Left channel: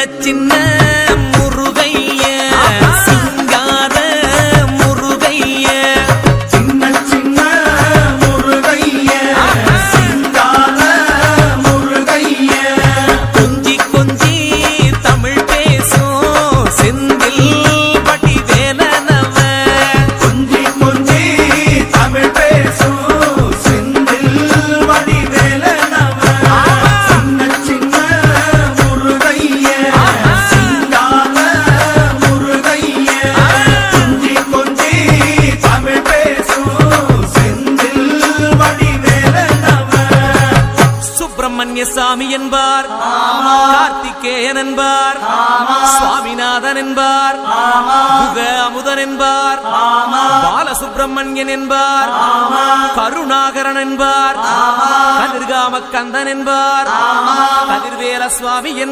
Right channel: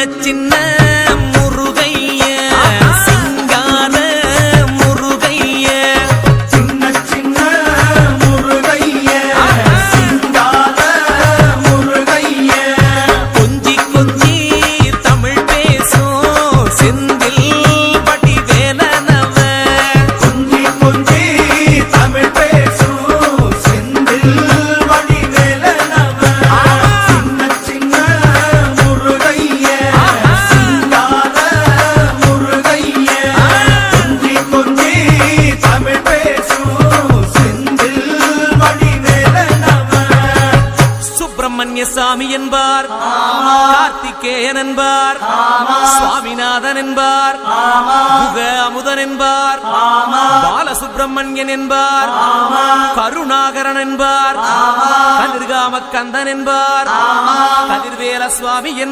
சின்ன முருகைய சிங்கார முருகைய சின்ன சின்ன முருகைய சிங்கார முருகைய கொஞ்சி கொஞ்சி தமிழ் பேசும் செந்தில் பட்டி வேலனவ கொஞ்சி கொஞ்சி தமிழ் பேசும் செந்தில் படி வேலனவ சின்ன சின்ன முருகைய சிங்கார முருகைய கொஞ்சி கொஞ்சி தமிழ் பேசும் செந்தில் படி வேலனவ சுப்பிரமணிய சாமி என்பார் கார்த்திகேயன் என்பார் சுவாமிநாதன் என்பார் முக அமுதன் என்பார் பாலசுப்பிரமணியன் என்பார் கருணாகரன் என்பார் கதிர்காம கந்தன் என்பார் கதிர்வேல சுவாமி